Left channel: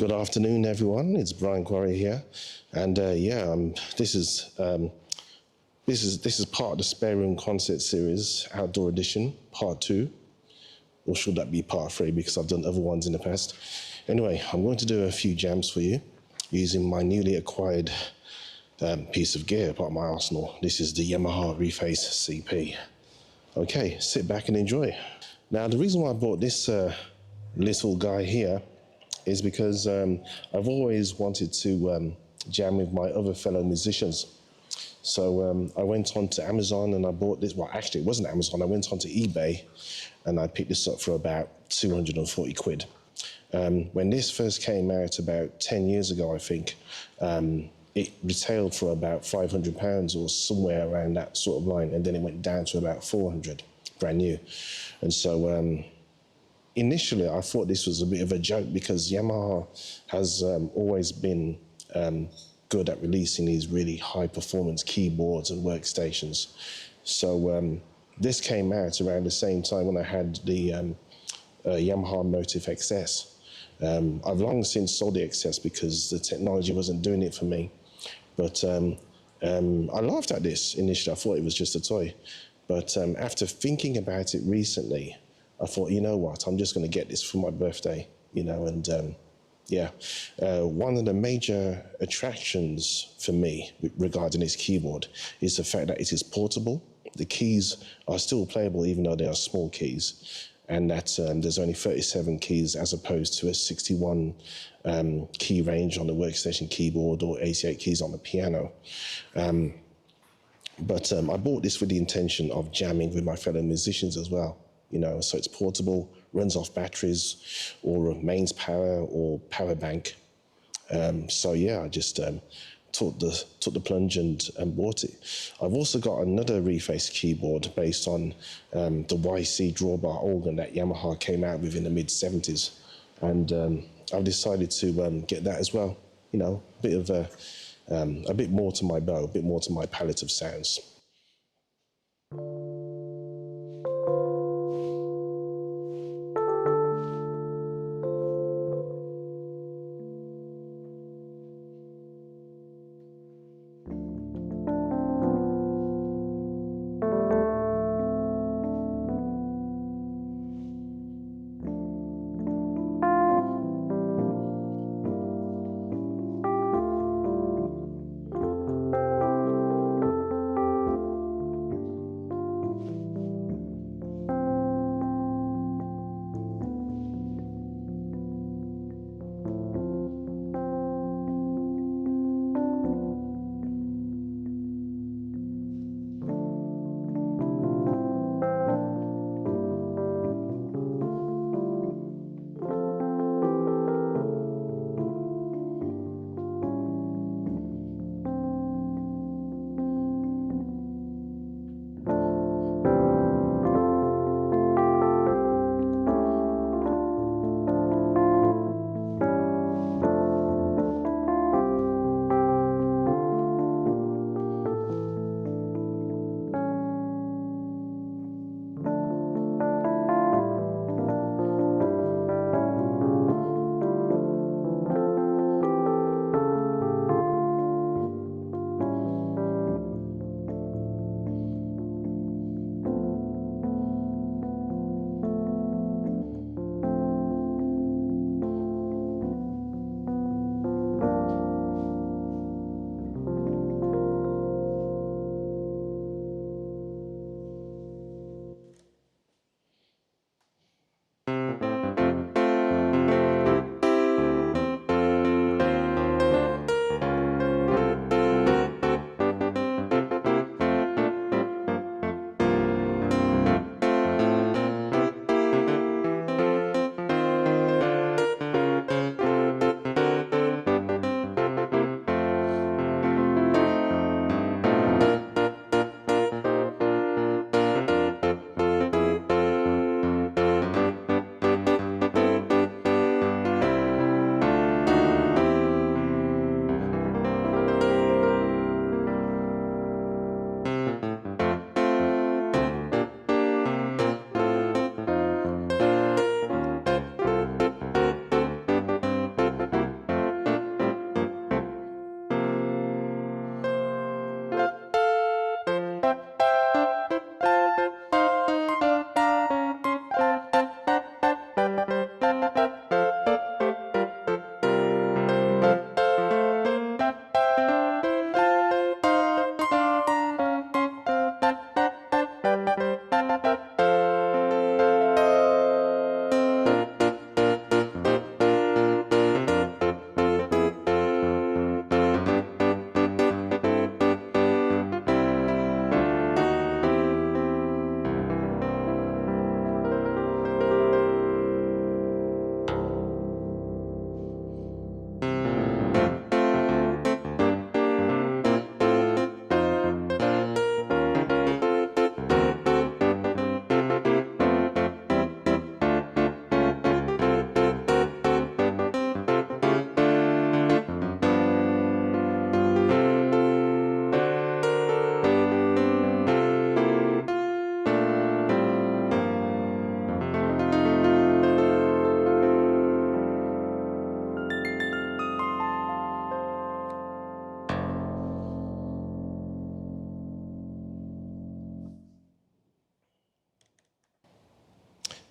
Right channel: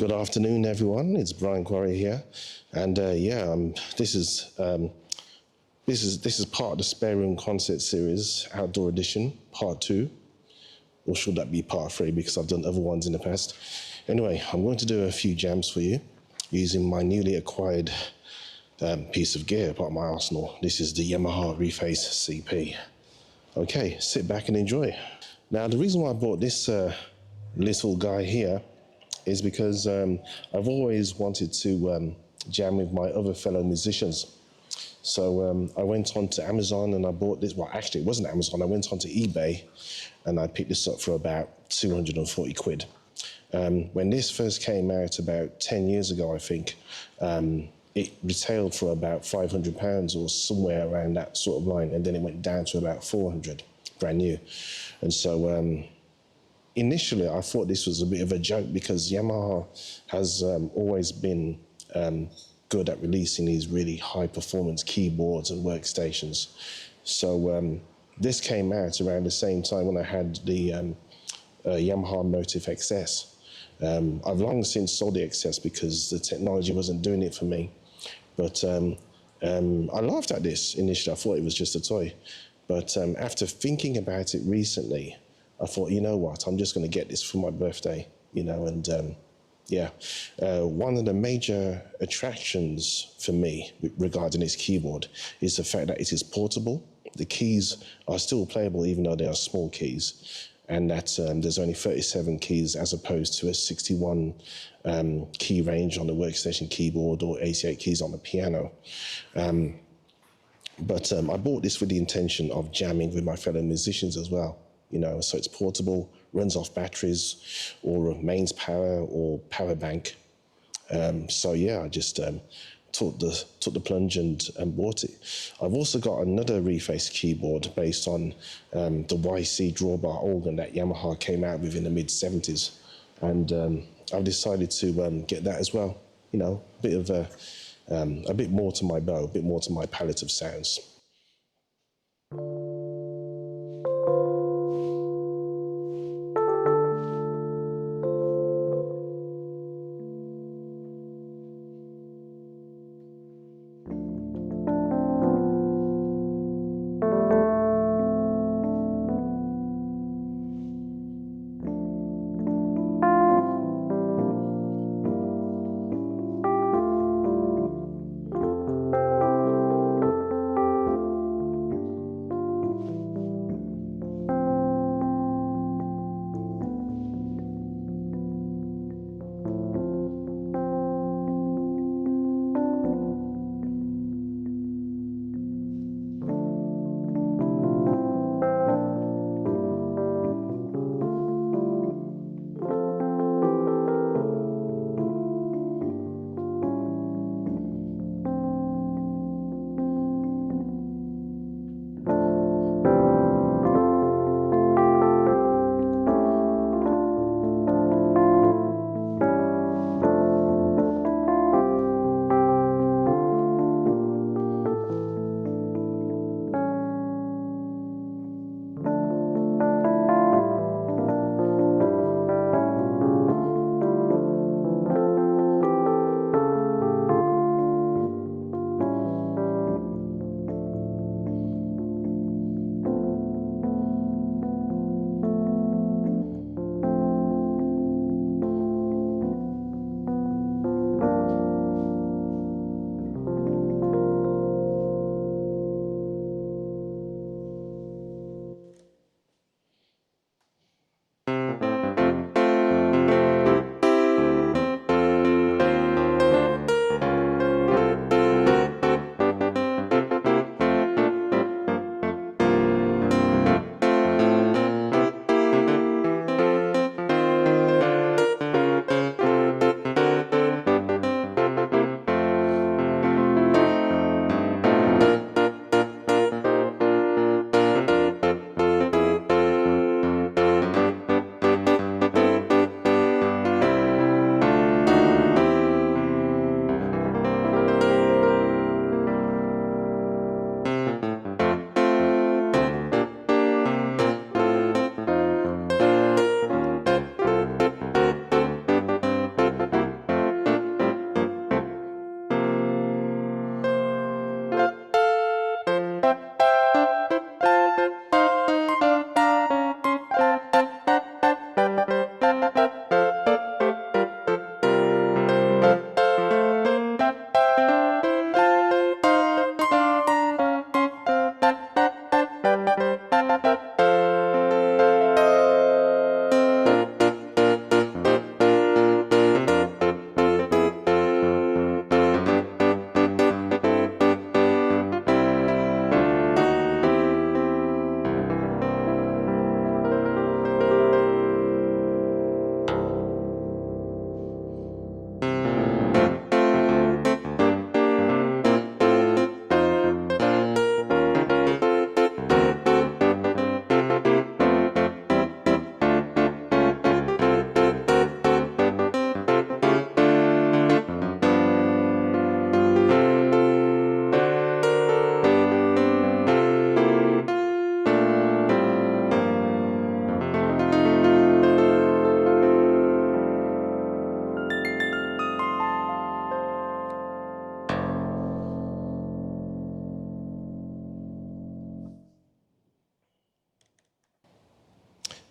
Good afternoon, everyone. It's Bryan here, and this is part of the Spare Room Concert Series Outdoor Edition, Part Two, or should that be Part Three? Because I've done other ones in the past. Anyway, I'm going to do a few jams for you using my newly acquired piece of gear, part of my arsenal. This is the Yamaha Reface CP. Okay, sit back and enjoy. Now, the reason why I bought this little guy here is because I've always wanted to jam with my other fellow musicians. So I went on to Amazon and I bought this. Well, actually, it wasn't Amazon. I went on to eBay and I picked this up for about 240 quid. When this first came out about 10 years ago, I think, it retailed for about £500 or somewhere around that sort of line. And then it went down to about 400, brand new. And so initially, I thought this was a bit of a joke because Yamaha has always been good at releasing these really high-performance keyboards and workstations. So this came out around the same time when I had the Yamaha Motif XS. I've long since sold the XS because the technology wasn't doing it for me. But I laughed at this initially. I thought it was just a toy. But after thinking about it recently, I thought, you know what, I'm just going to get this for my birthday, and one of the major attractions for me regarding this keyboard is the fact that it is portable. The keys are still playable even though they are small keys, and that there's only 37 keys as opposed to a 61 key range on the workstation keyboard or 88 keys on the piano. But I bought this with the intention of jamming with my fellow musicians as well. So it's portable, runs off batteries or mains power or power bank. I just took the plunge and bought it. I've also got another Reface keyboard based on the YC drawbar organ that Yamaha came out with in the mid-70s. And I've decided to get that as well. A bit more to my bow, a bit more to my palette of sounds.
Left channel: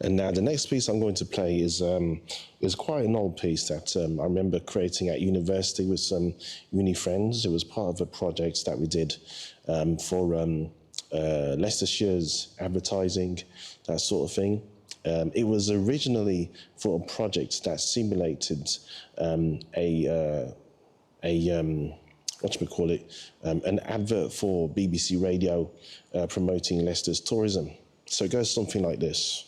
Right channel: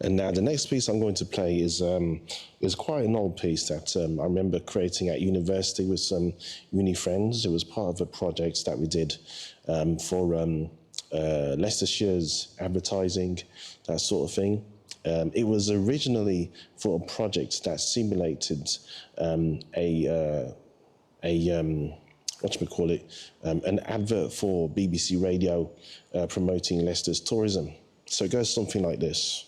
And now the next piece I'm going to play is quite an old piece that I remember creating at university with some uni friends. It was part of a project that we did for Leicestershire's advertising, that sort of thing. It was originally for a project that simulated an advert for BBC Radio promoting Leicester's tourism. So it goes something like this.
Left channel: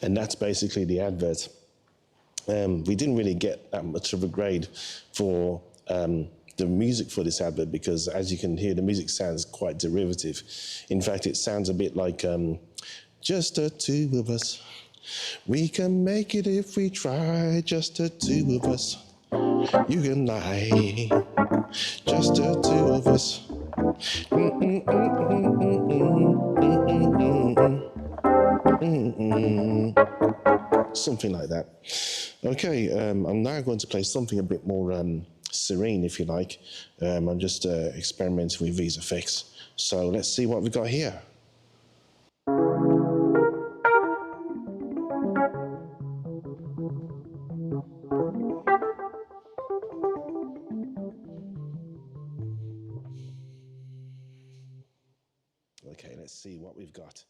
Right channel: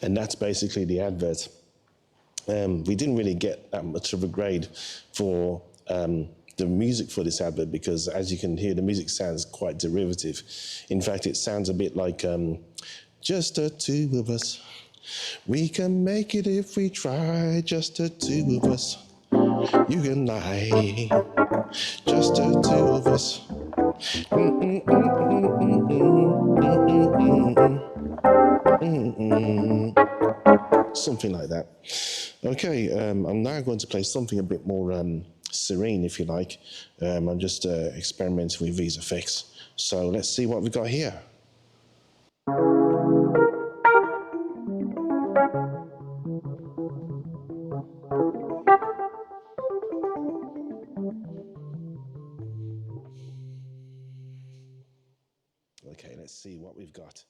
And that's basically the advert. We didn't really get that much of a grade for the music for this advert because, as you can hear, the music sounds quite derivative. In fact, it sounds a bit like just the two of us. We can make it if we try, just the two of us. You and I, just the two of us. Something like that. Okay, I'm now going to play something a bit more serene, if you like. I'm just experimenting with these effects. So let's see what we got here. Okay, let's see what we've got.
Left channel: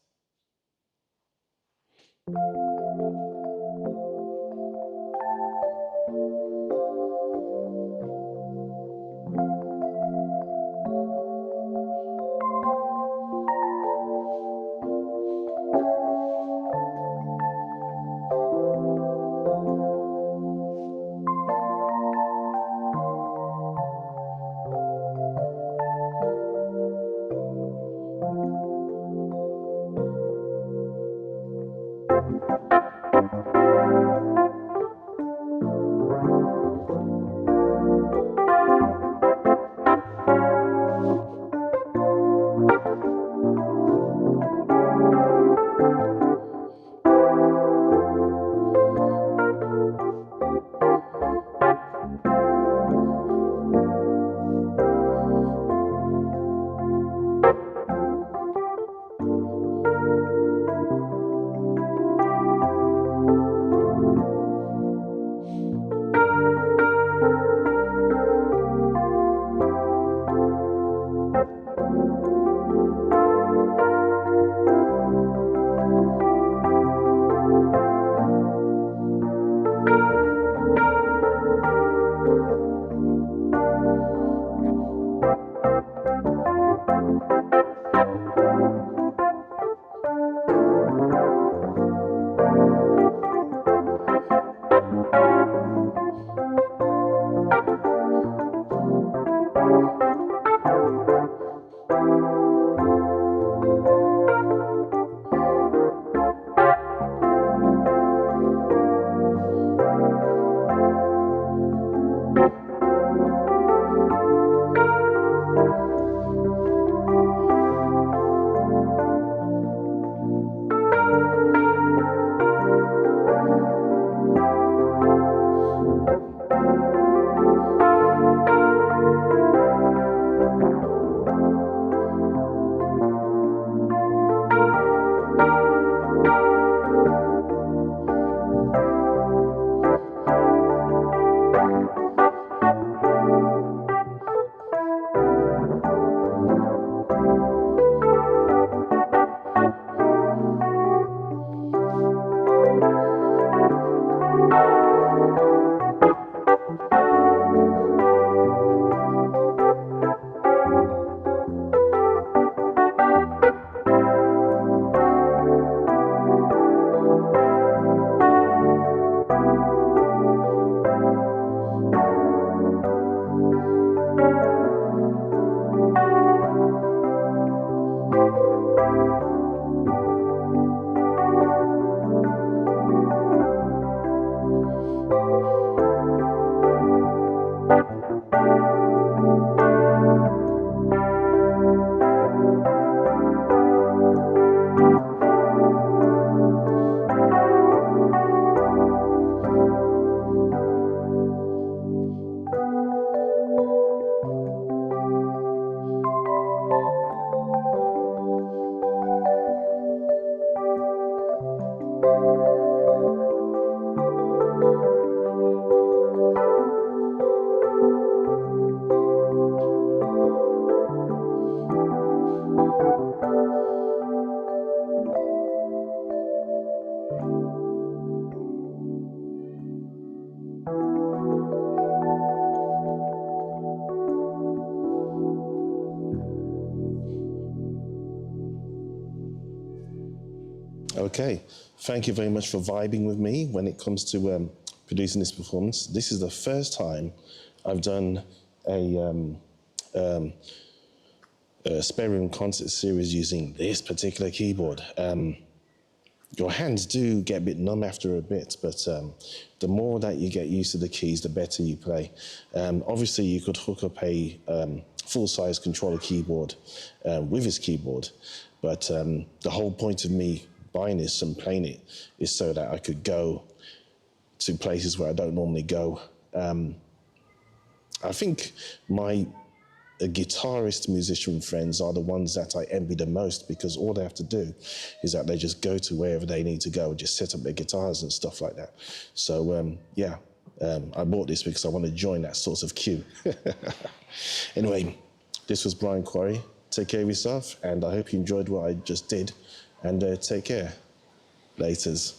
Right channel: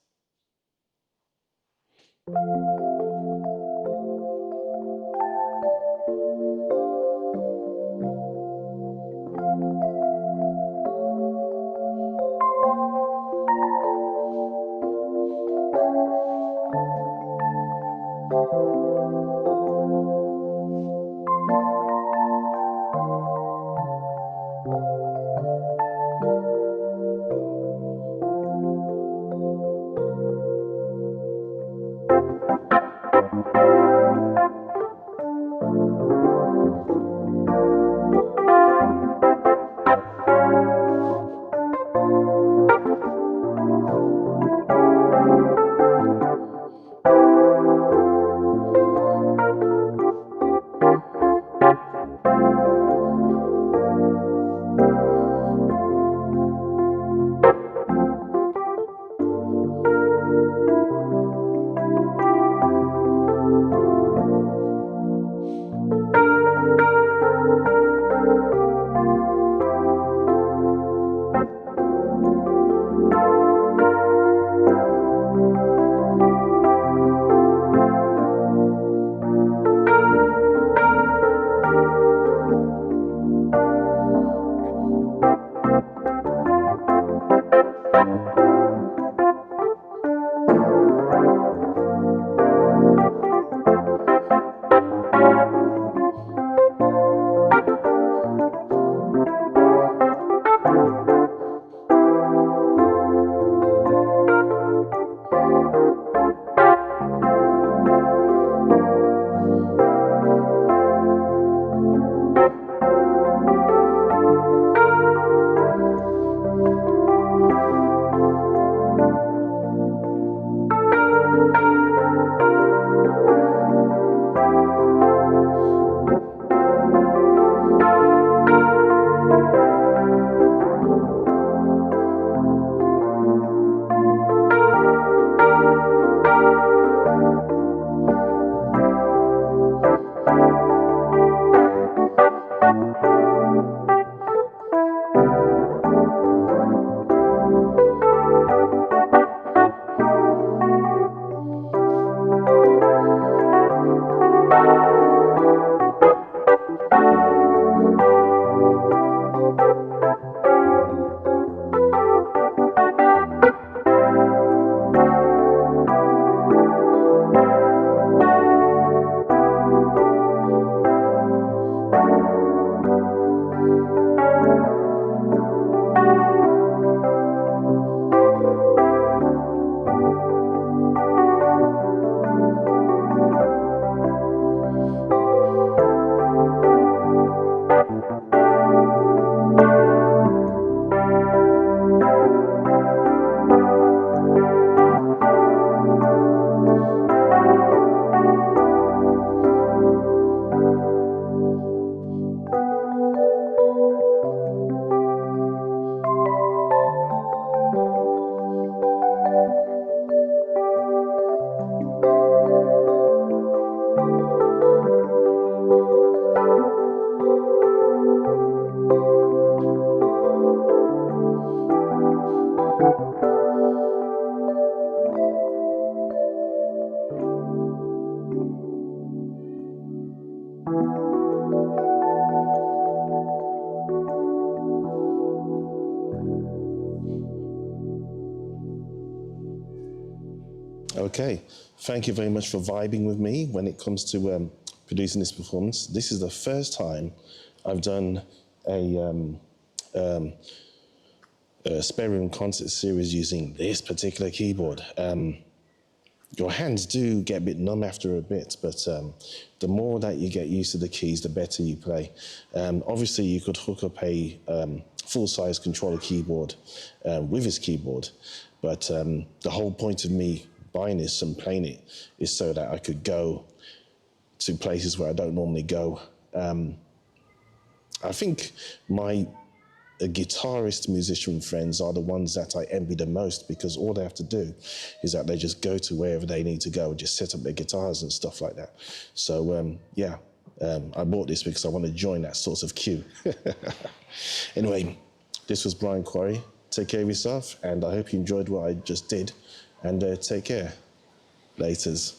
Okay, thank you very much for vibing with me when it comes to producing this performance. This is the first time I've done a spare room concert series using this particular keyboard. Your hands do get a bit numb after a bit, but the more that you get used to the keys, the better you play. Obviously, you could hook up a full-size controller keyboard with this keyboard, but the whole point of me buying this and playing it is so that I could go to places where I don't normally go. I think my guitarist musician friends are the ones that I envy the most, because all they have to do is that they just go to wherever they need to go and just set up their guitars and stuff like that. So I bought this because I want to join that sort of queue. Anyway, this was Bryan Quarry. Take care of yourself, and I hope you enjoyed what I just did, and take care. Laters.